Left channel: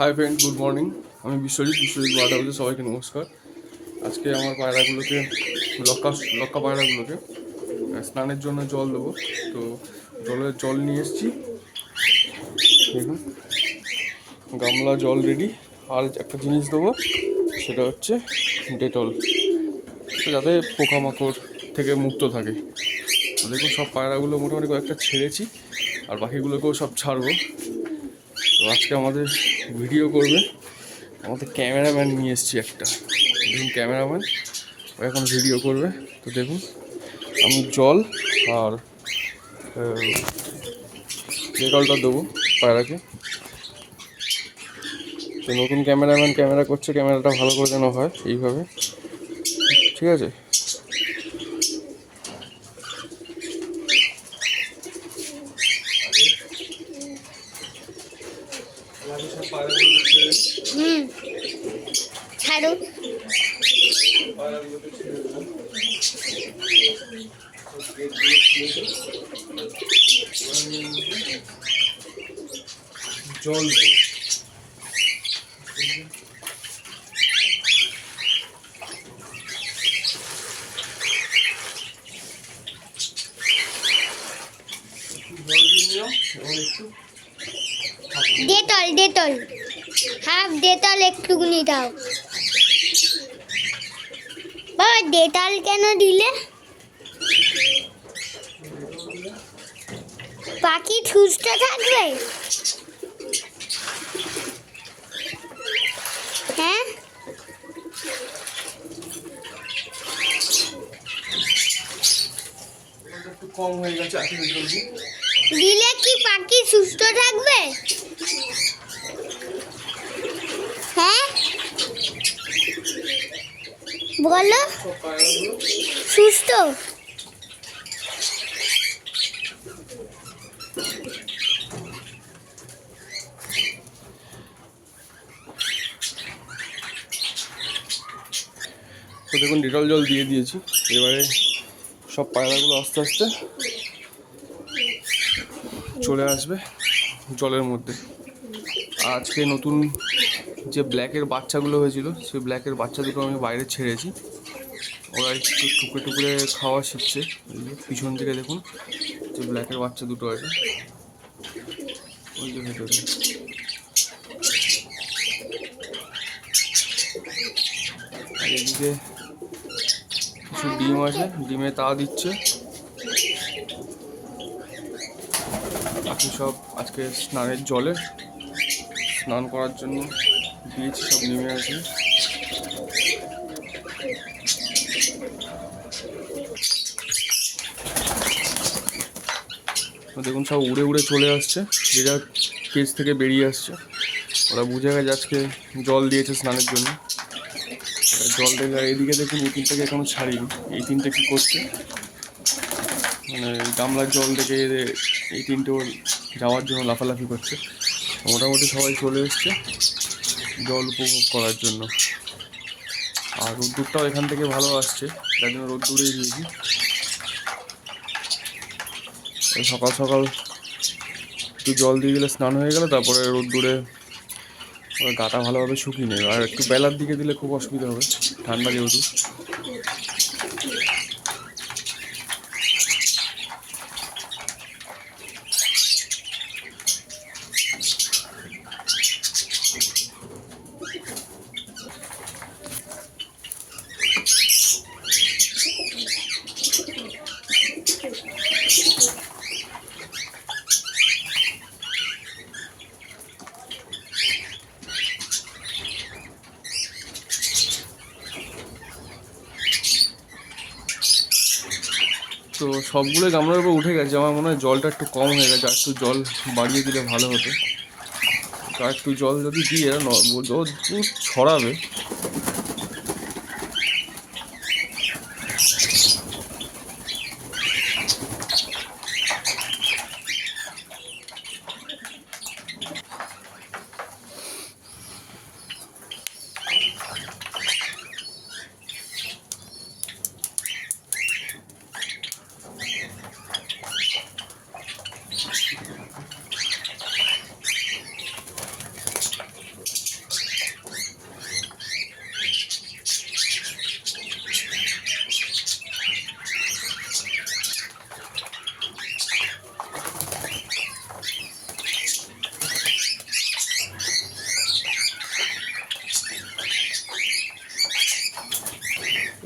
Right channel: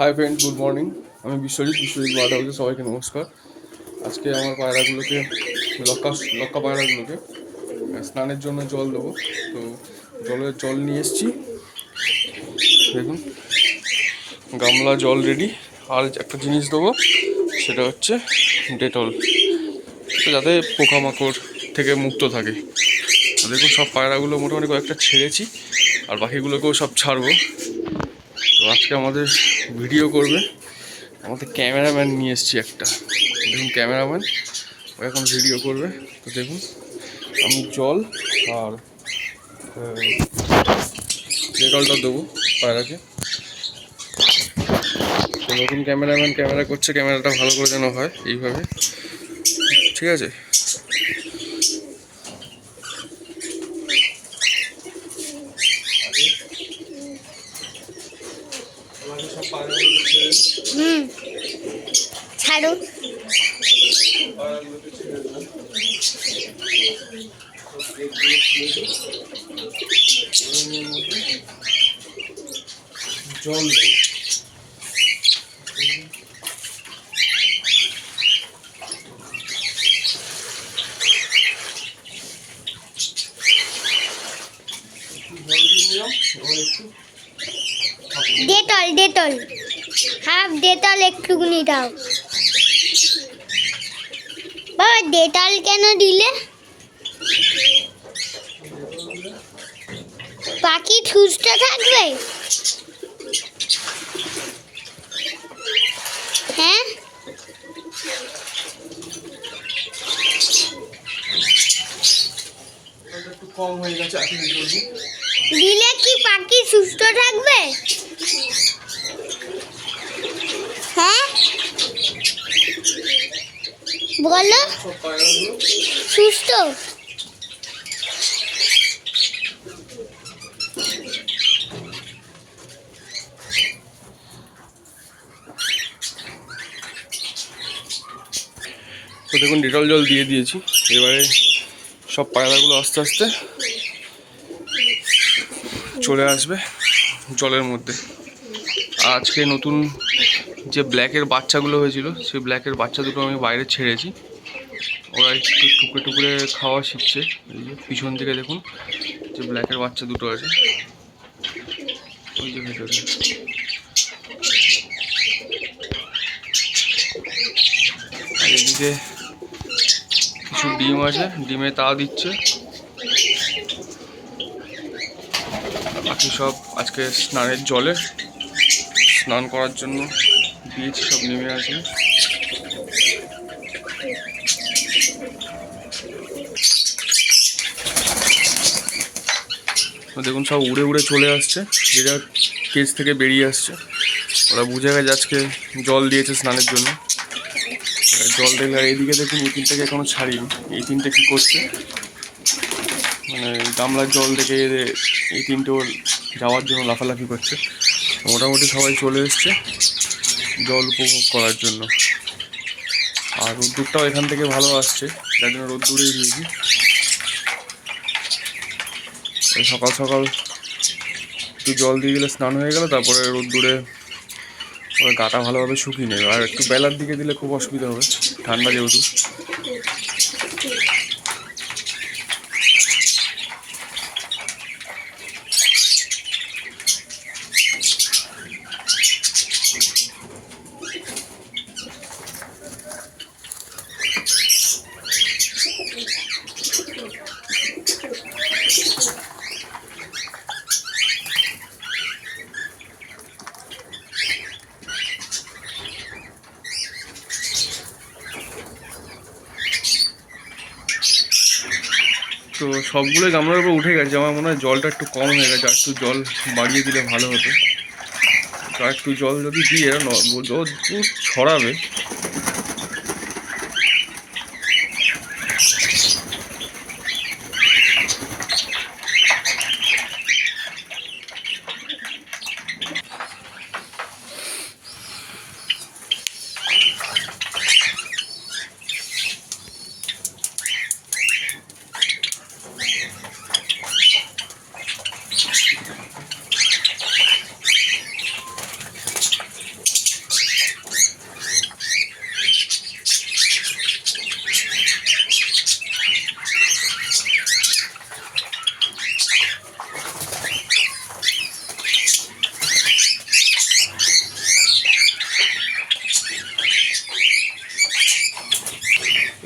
Hi friend, good morning. আমি Biswajit bird হাউসে সবাইকে নমস্কার। আজকে আমার পায়রাগুলোকে লক্কা পায়রাগুলোকে স্নানের জন্য জল দেবো। তো জল নিয়ে এসেছি, দেখুন গামলা জল রেডি। আর একটা জিনিস দেবো, সেটা হচ্ছে ডেটল, তো যাতে পোকামাকড় থেকে মুক্ত থাকে। তো দেখুন সব পায়রাগুলো মোটামুটি কয়েকটা ছেড়েছি, আর বাকিগুলোকেও সব ছাড়বো। তো আজকে আমাদের ভিডিও করবে আমাদের ক্যামেরাম্যান নিয়ে এসেছি একটা। দেখুন ক্যামেরাম্যান ও এখন ভিডিও করবে। তো দেখুন আমি জল আর ডেটলটা দেবো পায়রাকে। তো নতুন ক্যামেরাম্যান ক্যামেরা করছে, ক্যামেরাটা ভালো করে যেন হয় এইভাবে, ঠিক আছে? ছাড়ো। জল দেবো। ডেটল হাফ ডেটল একটুকুনি দাও। বাবা ডেটল কেন দিলে? পাখি সুস্থ থাকবে। হ্যাঁ, একটু কম হয়ে গেছে, দিলে কি পাখি সুস্থ থাকবে? হ্যাঁ বলো, সুস্থ। তো দেখুন ডেটল জল দিয়ে দিয়েছি। এবারে সব পায়রাগুলো আস্তে আস্তে চলে আসবে জলের মধ্যে। আজকে নতুন যে ব্ল্যাকের বাচ্চাগুলো হয়েছিল, সেই ব্ল্যাকের বাচ্চা দুটো আমি বাইরে ছেড়েছি। ওরা একটু টুকরে টুকরে খাওয়া শিখছে। এই যে পিছন দিকে দেখুন যে ব্ল্যাকের বাচ্চা দুটো আছে, ওই যে ভেতরে। আর এদিকে কিছু ডিম আছে, ডিমে তা দিচ্ছে। বাকি সব আজকে স্নানের জলে স্নান করার জন্য দিয়েছি, সব নেমে আসবে। দেখুন সব উড়ে উড়ে চলে আসছে, যে যার কেজ থেকে বেরিয়ে আসছে। ওরা বুঝে গেছে আজকে জল দিয়েছে স্নানের জন্য। জল দেখলে, আর এইদিকে দেখুন এই তিনটাকে এখনো ছাড়িনি। এই তিনটে কী করছে, মানে গামলার জল থেকে এই তিনটেও যাওয়ার জন্য লাফালাফি করছে। মোটামুটি সবাই চলে এসছে জল উপভোগ করার জন্য। আর রোদ্দুরটাও এখান থেকে ভালো আসছে, যার জন্য রোদ্দুরেই দিয়েছি। সকাল সকাল একটু জল দিয়ে দিলে স্নান হয়ে গেল, তারপরে রোদ্দুরে ওরা গাটা ভালোভাবে শুকিয়ে নেবে। আর একটু বেলার দিকে দিলে খুব অসুবিধা হবে, ঠান্ডা যেহেতু। তো সবগুলো গামলার উপর উঠে গেছে। আমার মনে হয় জলটা একটু কম হয়ে গেছে, আর একটু জল বাড়িয়ে দিলে ভালো হতো। তো একটু জল যদি দিয়ে জল ছড়াবে।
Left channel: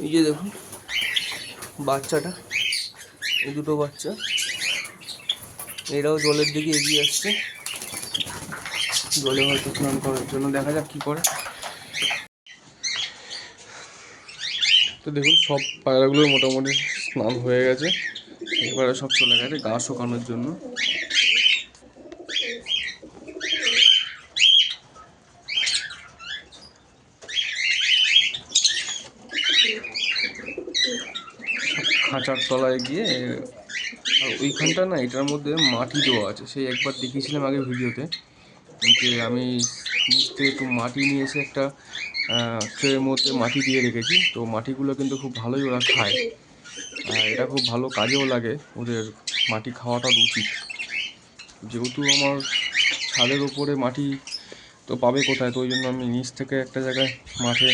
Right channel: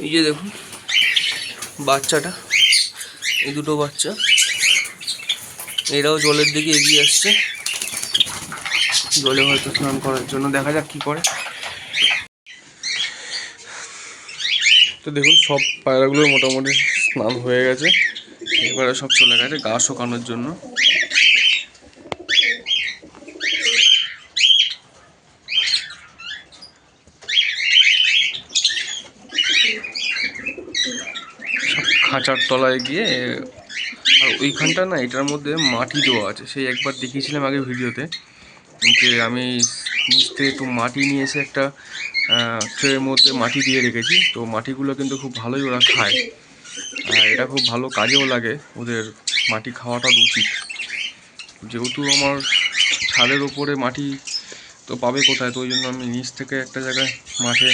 এই যে দেখুন বাচ্চাটা, এই দুটো বাচ্চা, এরাও জলের দিকে এগিয়ে আসছে, জলে হয়তো স্নান করার জন্য। দেখা যাক কি করে। তো দেখুন সব পায়রাগুলোর মোটামুটি স্নান হয়ে গেছে, এবারে সব চলে গেছে গা শুকানোর জন্য। সব খাঁচার তলায় গিয়ে, আর ওইখানটা না এটার মধ্যে মাটি দেওয়া আছে, সেই একবার দেখিয়েছিলাম আগে ভিডিওতে, যে আমি নিচ থেকে একটু মাটি নিয়ে এসে একটা ট্রের মধ্যে মাটি দিয়ে রেখেছি। তো মাটিগুলো কিন্তু খুব ভালোই ওরা খায়, আর এটা খুব ভালো কাজেও লাগে, ওদের মাটি খাওয়াটা উচিত। যেহেতু আমার ছাদের ওপরে মাটি তো পাবে কোথায়, তো ওই জন্য আমি নিচ থেকে একটা জায়গায় মাঠে,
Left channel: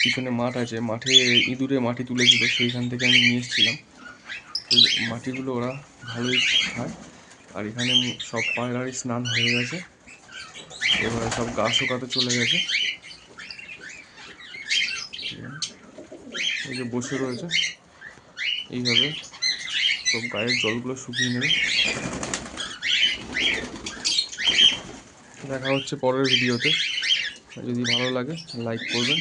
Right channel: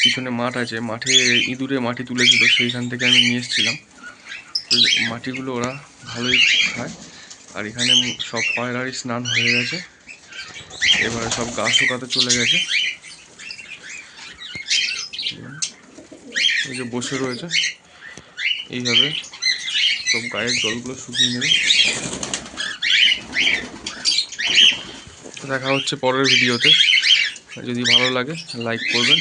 পিছনে মাঠ আছে, মাঠে ইঁদুরে মাটি তুলেছিল, সেইখান থেকে আমি নিয়ে এসেছিলাম। তো মাটিগুলো ওরা ভালোই খায়। আর এখানে সব পায়রারই স্নান হয়ে গেছে, এবারে সব গা শুকাতে চলে গেছে। এই যে বসে রয়েছে, এইভাবে সব গায়ের জলগুলো শুকিয়ে নেবে। দেখা হচ্ছে পরের ভিডিওতে। যদি ভালো লাগে লাইক করবেন।